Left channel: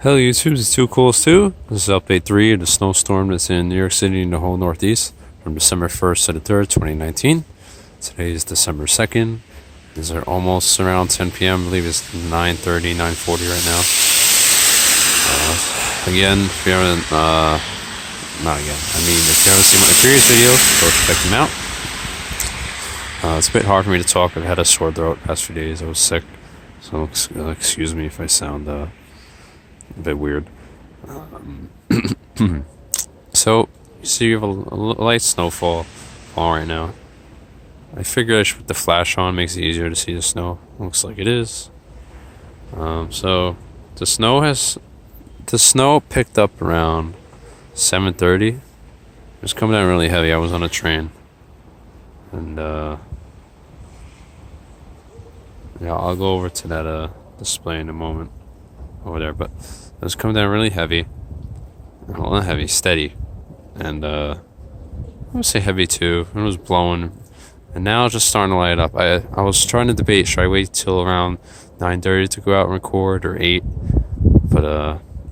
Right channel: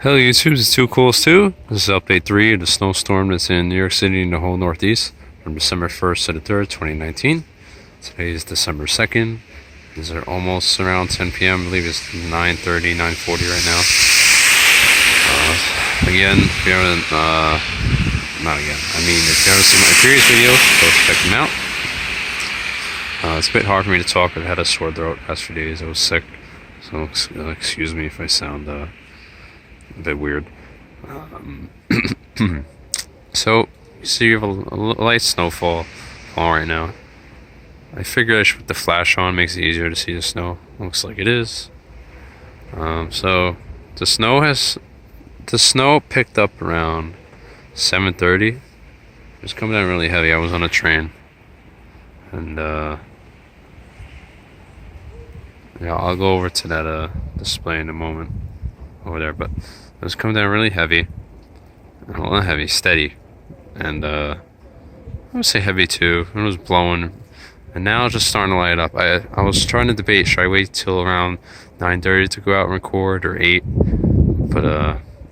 Hello YouTube, it's Too Coolest 2. This is update 3 of the snowstorm that's in New York City and the whole Northeast from December 1st to the 3rd, 2019. Today is December 2nd. These are almost around 10 p.m. I believe it's 9:30, 9:40 right now. Again, if you haven't, if you haven't seen my previous videos, go check them out. It's a bit hard for me to talk. I've had a sore throat the past few days. I was sick, so excuse me if I sound a bit weird. So you see you have a light snowfall falling right now. I figured I should put the flash on, makes it easier to see the snow. Looks like it is. So the snow picked up around 7:30. It's coming down really heavy. I was on a train, and yeah, I'll go over to that display in a moment over there, but it was coming down really heavy. Well, not heavy, steady, and I would say heavy too. It was blowing, and now it's just starting to light up. I was trying to debate, should I wait till around 9:30 to go out and record, or 8? But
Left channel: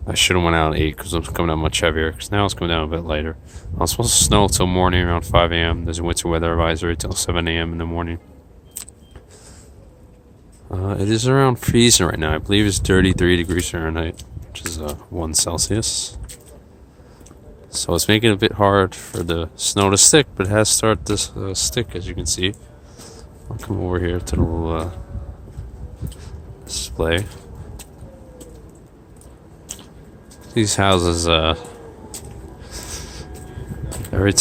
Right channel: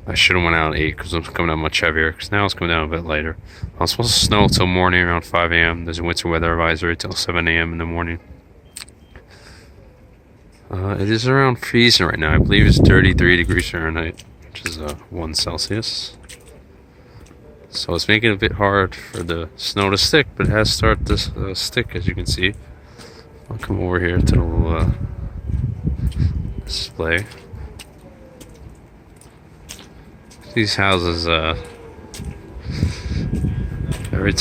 I should have went out at 8 because it's coming down much heavier. Because now it's coming down a bit lighter. I was supposed to snow till morning around 5 a.m. There's a winter weather advisory till 7 a.m. in the morning. It is around freezing right now. I believe it's 33 degrees Fahrenheit, which is 1 Celsius. So it's making it a bit hard for the snow to stick, but it has started to stick, as you can see. I'll come over here to the little display. These houses, every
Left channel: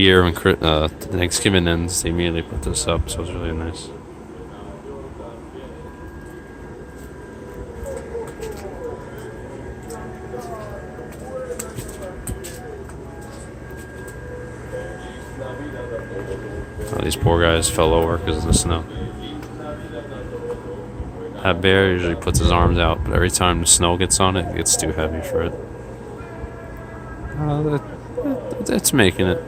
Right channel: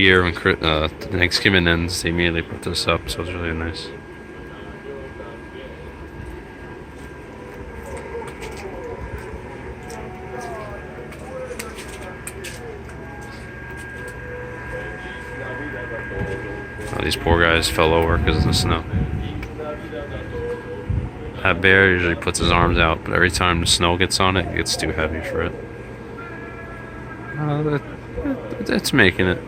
year when Thanksgiving ends, they immediately put this up, so it's really nice. Oh, these poor guys fell over because of the snow. That bear usually puts his arms out, but every time the snow gets on it, it gets too heavy for it. It's making it.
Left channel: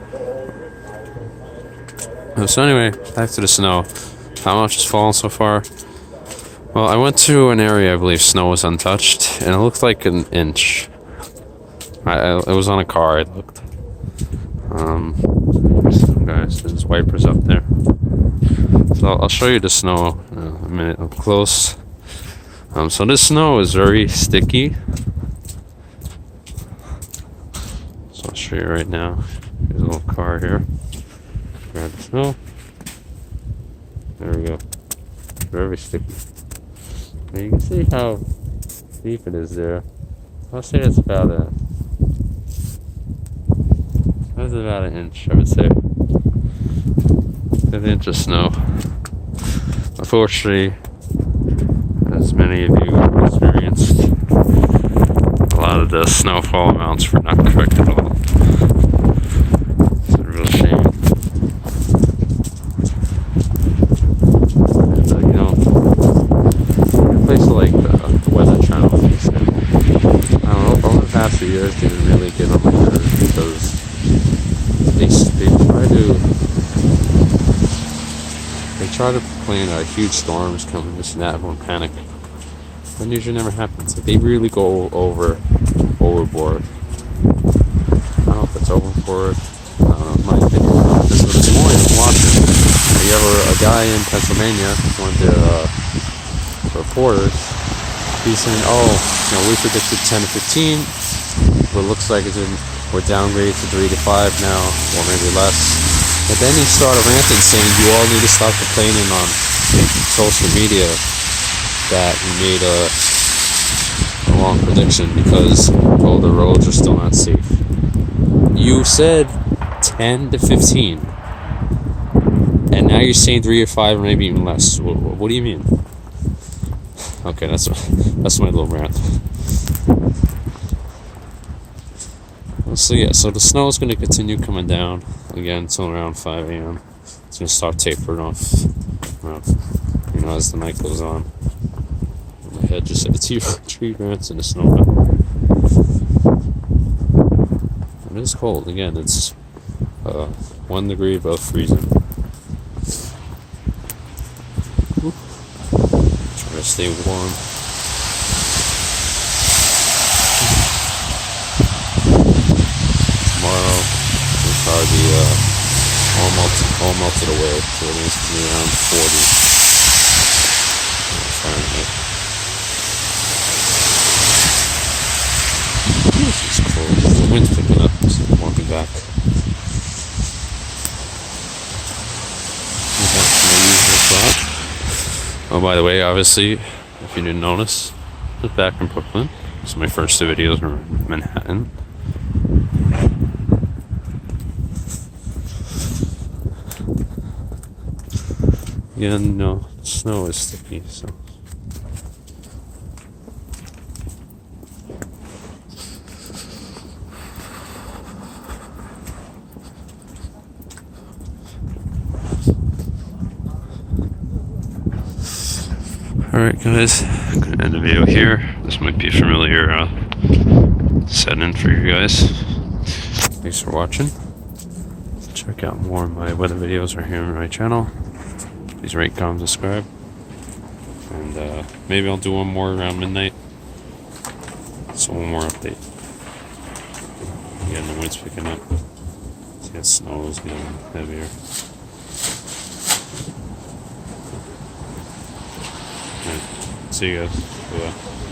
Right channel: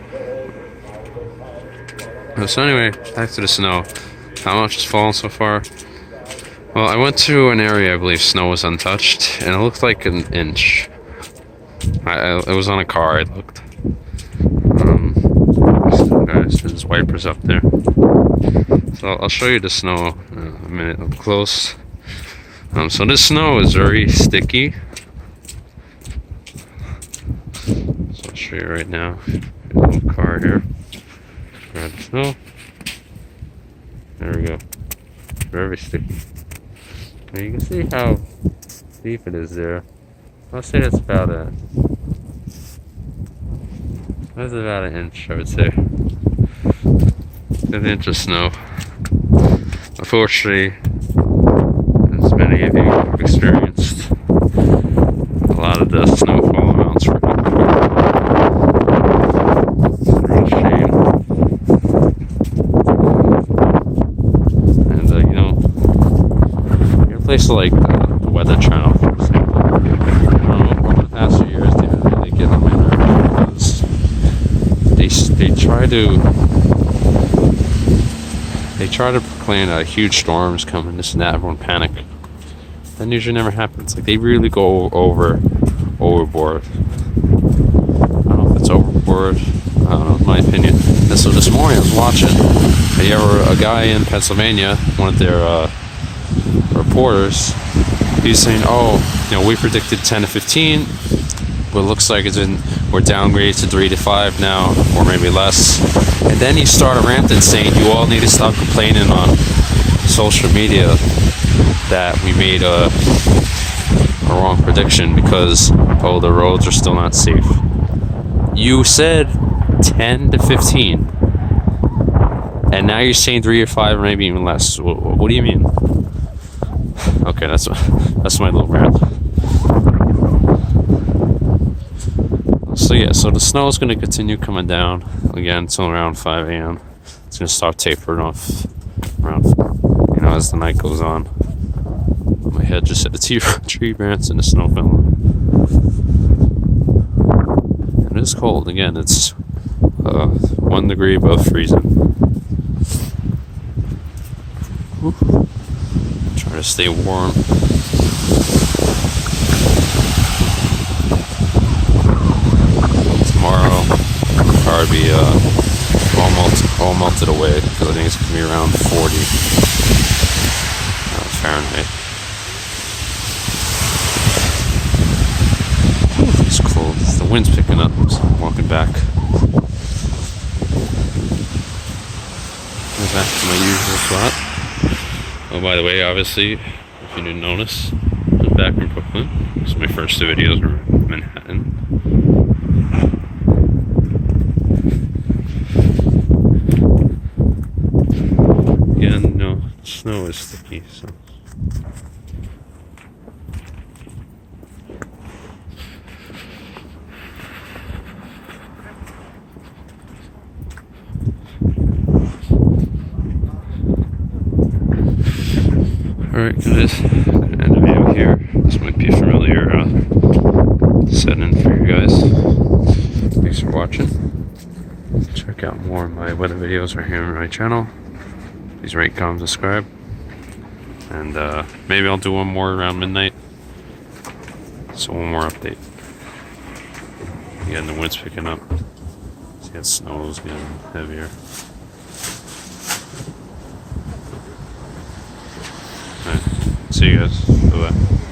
So anyway, back to the snow. How much has fallen so far? Well, I went to an area I believe snow was untouched, and it looked like an inch. It was on a car, I looked. Guys, there's wipers up there. So I'll show you the snow in a minute up close. So this snow is very sticky. So I'll show you right now. There's a little car here. Grab the snow. There we go. Very sticky. And you can see how deep it is there. I'll say that's about an inch, I would say. An inch of snow. Unfortunately, as many of you have experienced, a lot of the snowfall amounts were not correct at all. It's a real shame. And places like the Weather Channel, I don't know, over the past few years, they really get them because they try to plan huge storms coming, this and that, everyone panic. That usually never happens. Like, they really go overboard. I don't know if it's overboard. I don't know, in my opinion. So this morning I was watching. A guy in Pennsylvania, one of their reporters, he's saying, we predicted 10 to 15, but it looks like we're downgraded to 3 to 5 now, or maybe less. And then he started ranting, saying you all need to stop complaining on social media that we made a wrong prediction because the roads are still not safe. You said 10 to 15, and now you're saying 3 or 5, or maybe even less. What do you mean? Okay, that's my little rant. So yeah, so the snow is going to continue coming down again until around 5 a.m. It's going to start tapering off around, as the night goes on. My head just hit the tree branch and the snow fell. And it's cold again. It's 1 degree above freezing. Try to stay warm. all melted away, so it needs to be around 40 Fahrenheit. It's cold. The wind's picking up, so I'm walking back. Here's back to my usual spot. Oh, by the way, obviously, if you didn't notice, I was back in Brooklyn. So my first two videos were in Manhattan. Yeah, no, snow is sticky, so. Alright guys, I'm gonna end the video here. This might be a familiar setting for you guys. Thanks for watching. Check out more of my weather videos right here on my channel. Please rate, comment, subscribe. And maybe I'll do one more around midnight. So one more update. Again, the wind's picking up. See, that snow is getting heavier. Alright, see you guys. Bye-bye.